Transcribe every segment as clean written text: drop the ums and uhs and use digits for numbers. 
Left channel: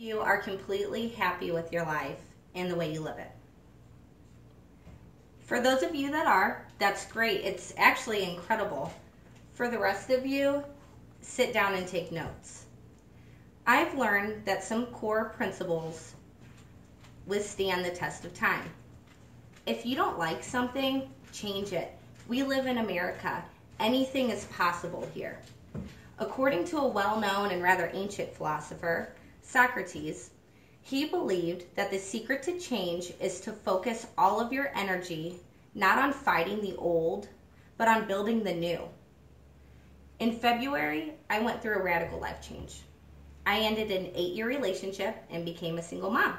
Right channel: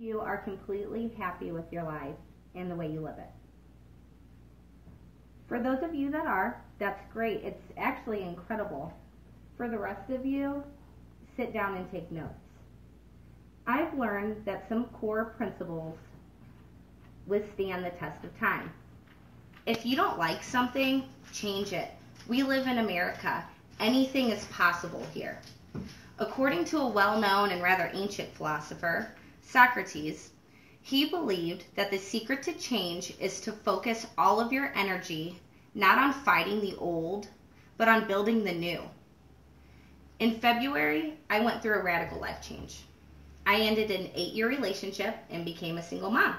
You are completely happy with your life and the way you live it. For those of you that are, that's great. It's actually incredible. For the rest of you, sit down and take notes. I've learned that some core principles withstand the test of time. If you don't like something, change it. We live in America. Anything is possible here. According to a well-known and rather ancient philosopher, Socrates, he believed that the secret to change is to focus all of your energy not on fighting the old, but on building the new. In February, I went through a radical life change. I ended an 8-year relationship and became a single mom.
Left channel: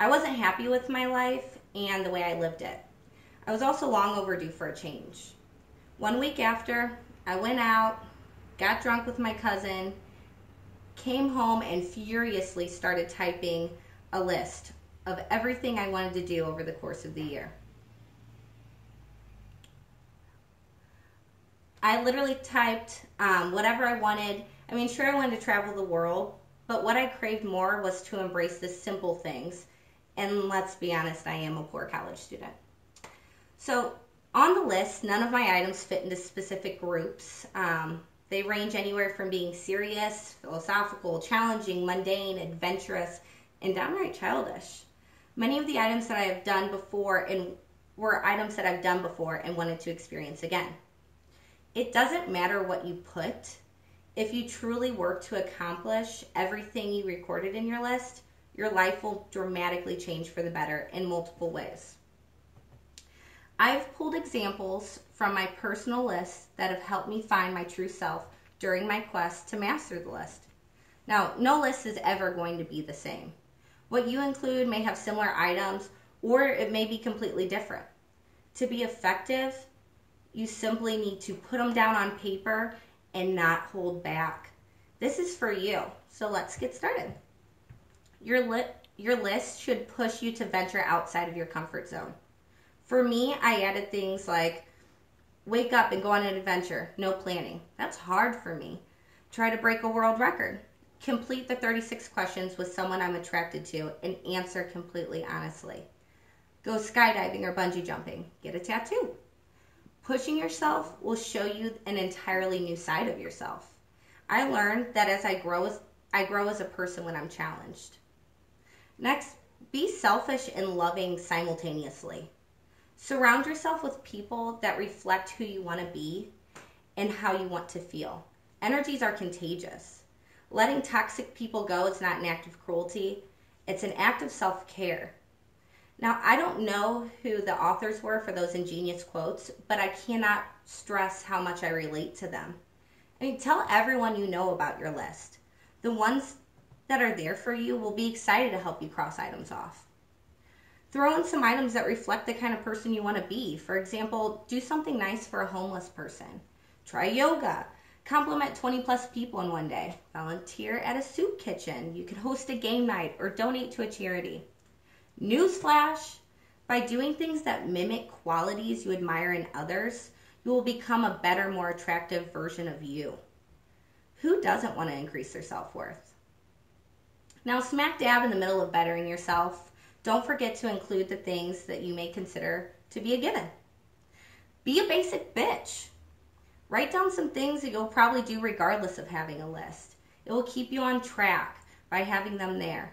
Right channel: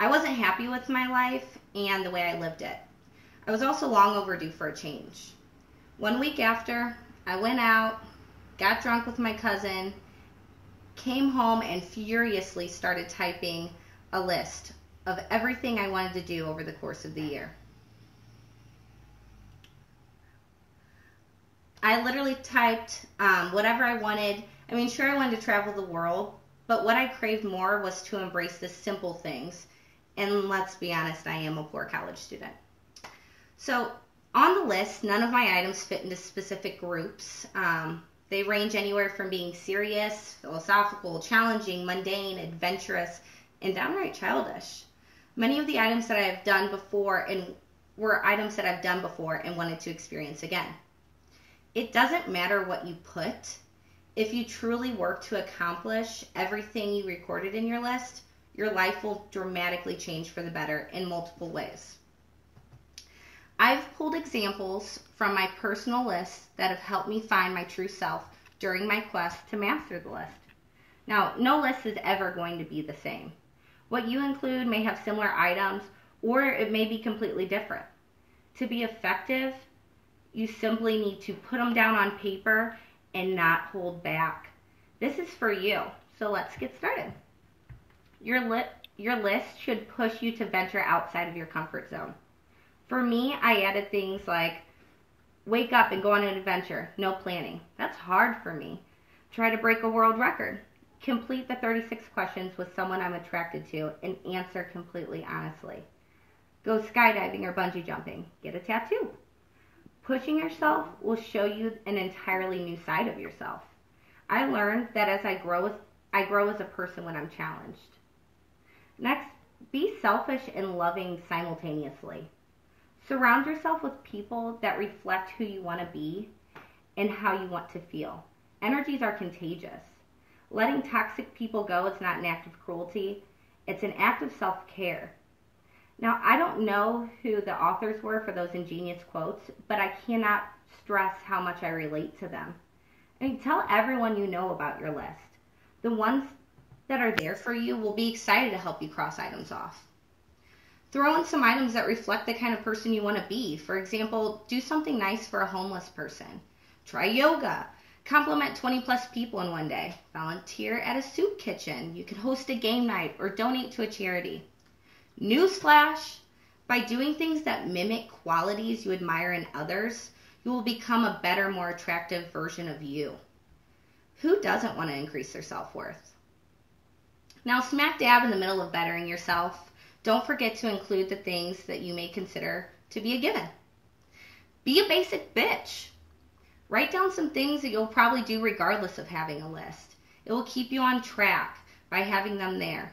I wasn't happy with my life and the way I lived it. I was also long overdue for a change. 1 week after, I went out, got drunk with my cousin, came home and furiously started typing a list of everything I wanted to do over the course of the year. I literally typed whatever I wanted. I mean, sure, I wanted to travel the world, but what I craved more was to embrace the simple things. And let's be honest, I am a poor college student. So on the list, none of my items fit into specific groups. They range anywhere from being serious, philosophical, challenging, mundane, adventurous, and downright childish. Many of the items that I have done before were items that I've done before and wanted to experience again. It doesn't matter what you put. If you truly work to accomplish everything you recorded in your list, your life will dramatically change for the better in multiple ways. I've pulled examples from my personal list that have helped me find my true self during my quest to master the list. Now, no list is ever going to be the same. What you include may have similar items, or it may be completely different. To be effective, you simply need to put them down on paper and not hold back. This is for you, so let's get started. Your list should push you to venture outside of your comfort zone. For me, I added things like wake up and go on an adventure, no planning. That's hard for me. Try to break a world record. Complete the 36 questions with someone I'm attracted to and answer completely honestly. Go skydiving or bungee jumping. Get a tattoo. Pushing yourself will show you an entirely new side of yourself. I learned that as I grow as a person when I'm challenged. Next, be selfish and loving simultaneously. Surround yourself with people that reflect who you want to be and how you want to feel. Energies are contagious. Letting toxic people go is not an act of cruelty. It's an act of self-care. Now, I don't know who the authors were for those ingenious quotes, but I cannot stress how much I relate to them. I mean, tell everyone you know about your list. The ones that are there for you will be excited to help you cross items off. Throw in some items that reflect the kind of person you want to be. For example, do something nice for a homeless person. Try yoga. Compliment 20 plus people in one day. Volunteer at a soup kitchen. You can host a game night or donate to a charity. Newsflash, by doing things that mimic qualities you admire in others, you will become a better, more attractive version of you. Who doesn't want to increase their self-worth? Now, smack dab in the middle of bettering yourself, don't forget to include the things that you may consider to be a given. Be a basic bitch. Write down some things that you'll probably do regardless of having a list. It will keep you on track by having them there.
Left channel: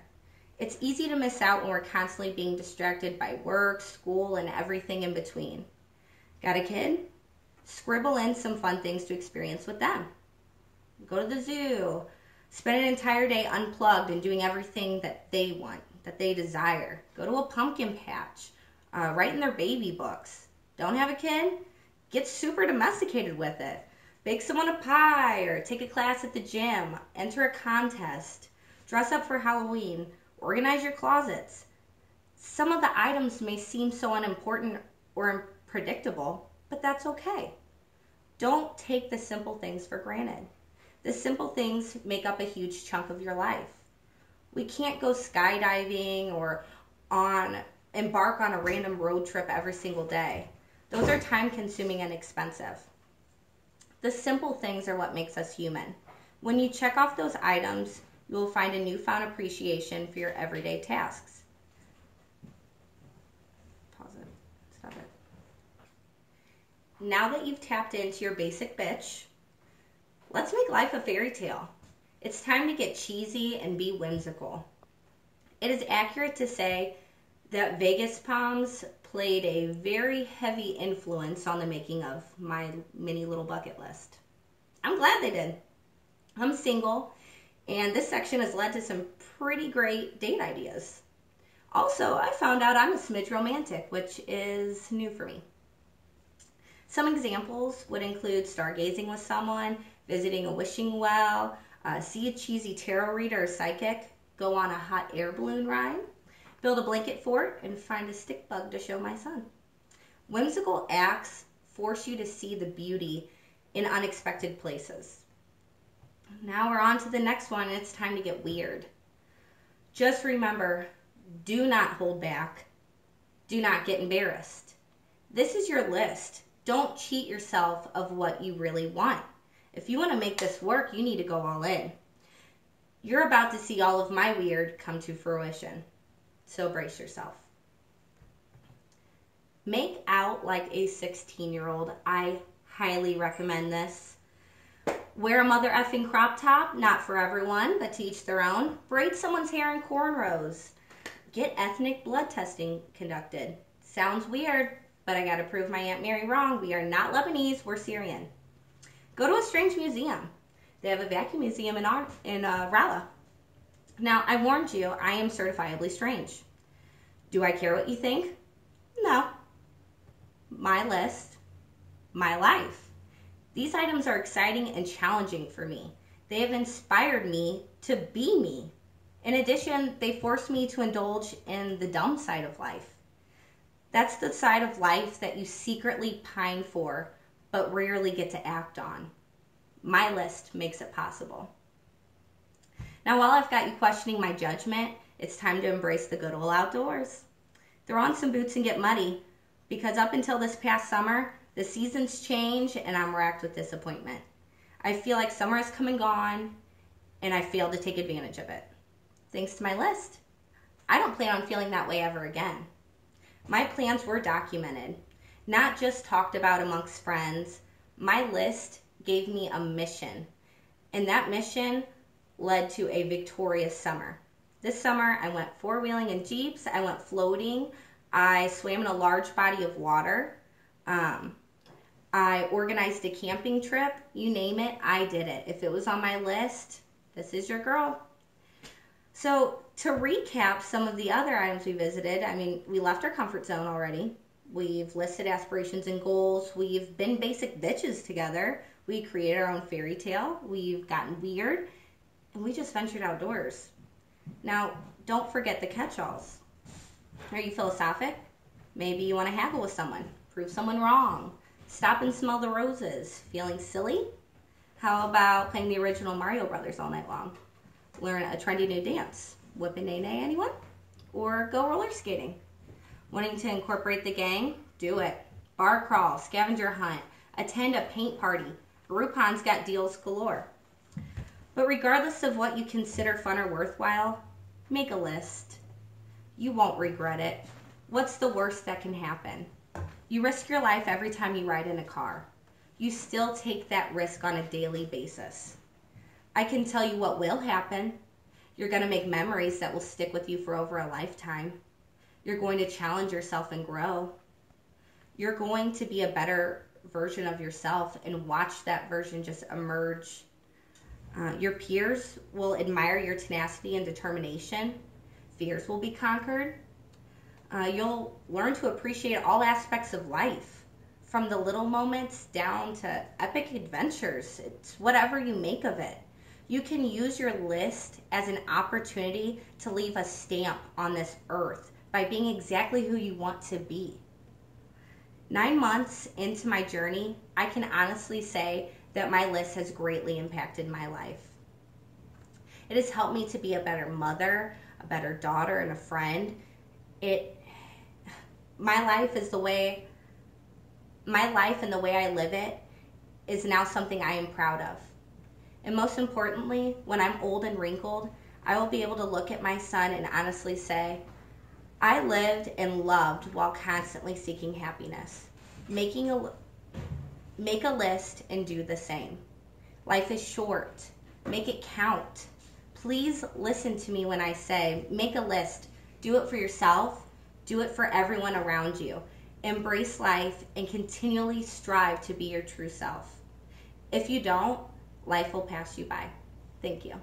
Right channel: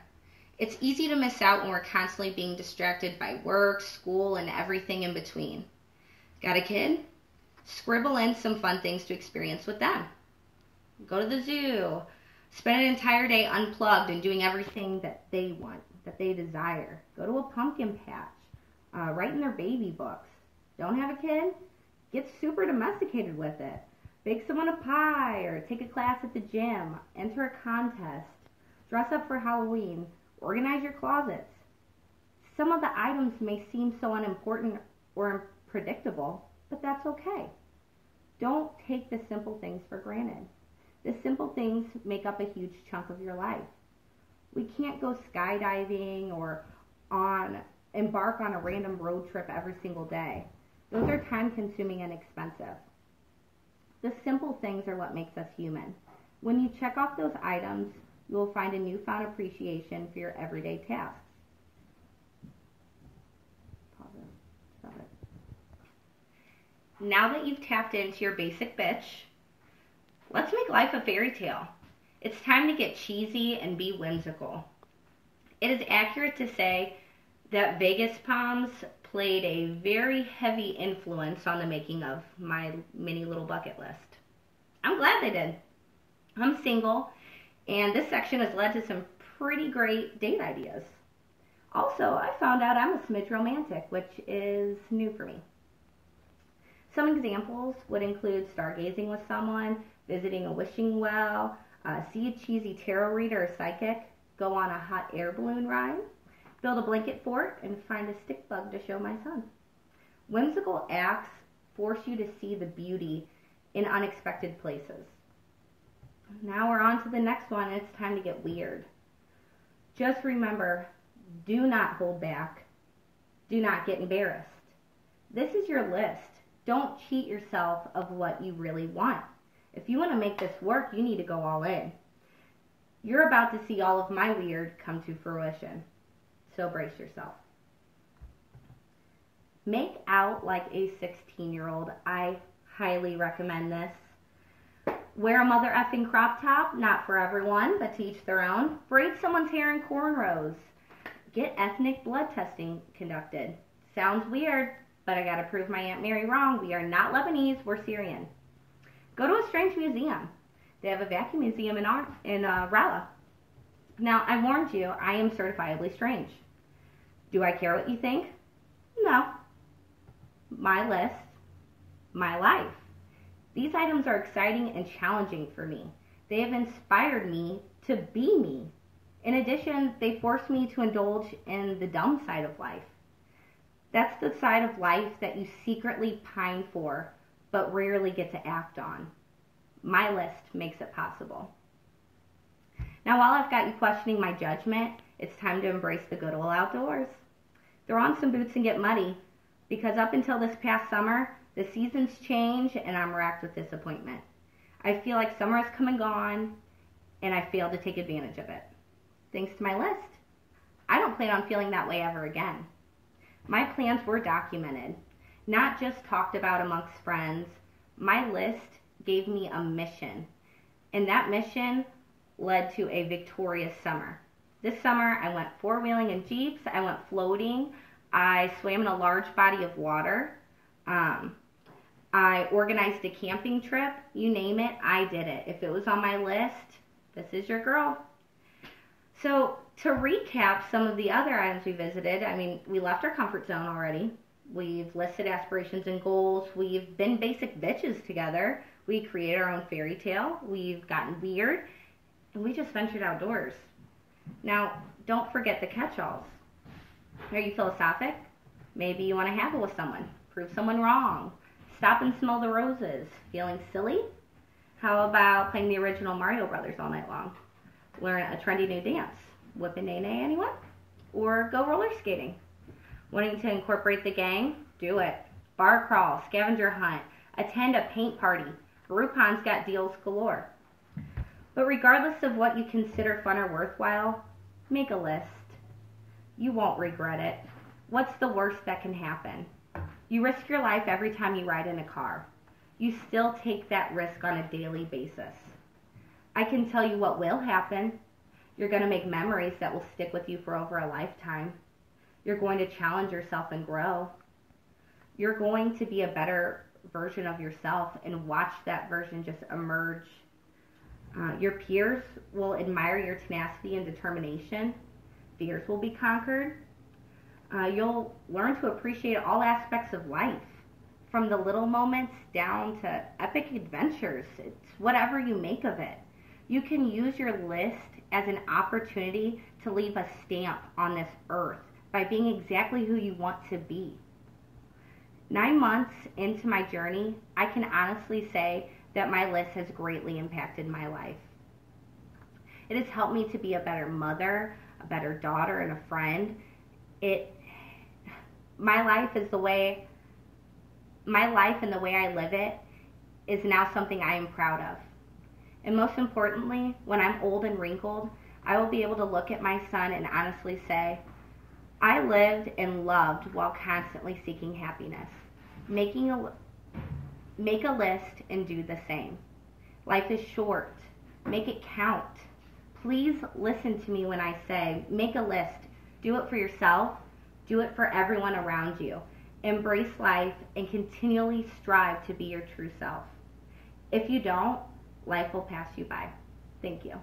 It's easy to miss out when we're constantly being distracted by work, school, and everything in between. Got a kid? Scribble in some fun things to experience with them. Go to the zoo. Spend an entire day unplugged and doing everything that they want, that they desire. Go to a pumpkin patch. Write in their baby books. Don't have a kid? Get super domesticated with it. Bake someone a pie or take a class at the gym. Enter a contest. Dress up for Halloween. Organize your closets. Some of the items may seem so unimportant or unpredictable, but that's okay. Don't take the simple things for granted. The simple things make up a huge chunk of your life. We can't go skydiving or embark on a random road trip every single day. Those are time consuming and expensive. The simple things are what makes us human. When you check off those items, you will find a newfound appreciation for your everyday tasks. Pause it. Stop it. Now that you've tapped into your basic bitch, let's make life a fairy tale. It's time to get cheesy and be whimsical. It is accurate to say that Vegas Palms played a very heavy influence on the making of my mini little bucket list. I'm glad they did. I'm single, and this section has led to some pretty great date ideas. Also, I found out I'm a smidge romantic, which is new for me. Some examples would include stargazing with someone, visiting a wishing well, see a cheesy tarot reader or psychic, go on a hot air balloon ride, build a blanket fort, and find a stick bug to show my son. Whimsical acts force you to see the beauty in unexpected places. Now we're on to the next one, and it's time to get weird. Just remember, do not hold back. Do not get embarrassed. This is your list. Don't cheat yourself of what you really want. If you want to make this work, you need to go all in. You're about to see all of my weird come to fruition. So brace yourself. Make out like a 16-year-old. I highly recommend this. Wear a mother effing crop top, not for everyone, but to each their own. Braid someone's hair in cornrows. Get ethnic blood testing conducted. Sounds weird, but I gotta prove my Aunt Mary wrong. We are not Lebanese, we're Syrian. Go to a strange museum. They have a vacuum museum in Rala. Now, I warned you, I am certifiably strange. Do I care what you think? No. My list, my life. These items are exciting and challenging for me. They have inspired me to be me. In addition, they force me to indulge in the dumb side of life. That's the side of life that you secretly pine for, but rarely get to act on. My list makes it possible. Now, while I've got you questioning my judgment, it's time to embrace the good old outdoors. Throw on some boots and get muddy, because up until this past summer, the seasons change and I'm racked with disappointment. I feel like summer has come and gone, and I failed to take advantage of it. Thanks to my list. I don't plan on feeling that way ever again. My plans were documented, not just talked about amongst friends. My list gave me a mission, and that mission led to a victorious summer. This summer, I went four-wheeling in Jeeps, I went floating, I swam in a large body of water, I organized a camping trip, you name it, I did it. If it was on my list, this is your girl. So to recap some of the other items we visited, I mean, we left our comfort zone already. We've listed aspirations and goals. We've been basic bitches together. We created our own fairy tale. We've gotten weird. And we just ventured outdoors. Now, don't forget the catch-alls. Are you philosophic? Maybe you want to haggle with someone. Prove someone wrong. Stop and smell the roses. Feeling silly? How about playing the original Mario Brothers all night long? Learn a trendy new dance. Whip and nay-nay, anyone? Or go roller skating? Wanting to incorporate the gang? Do it. Bar crawl, scavenger hunt, attend a paint party. Groupon's got deals galore. But regardless of what you consider fun or worthwhile, make a list. You won't regret it. What's the worst that can happen? You risk your life every time you ride in a car. You still take that risk on a daily basis. I can tell you what will happen. You're going to make memories that will stick with you for over a lifetime. You're going to challenge yourself and grow. You're going to be a better version of yourself and watch that version just emerge. Your peers will admire your tenacity and determination. Fears will be conquered. You'll learn to appreciate all aspects of life, from the little moments down to epic adventures. It's whatever you make of it. You can use your list as an opportunity to leave a stamp on this earth by being exactly who you want to be. 9 months into my journey, I can honestly say that my list has greatly impacted my life. It has helped me to be a better mother, a better daughter, and a friend. My life and the way I live it is now something I am proud of. And most importantly, when I'm old and wrinkled, I will be able to look at my son and honestly say, I lived and loved while constantly seeking happiness. Make a list and do the same. Life is short. Make it count. Please listen to me when I say, make a list. Do it for yourself. Do it for everyone around you. Embrace life and continually strive to be your true self. If you don't, life will pass you by. Thank you.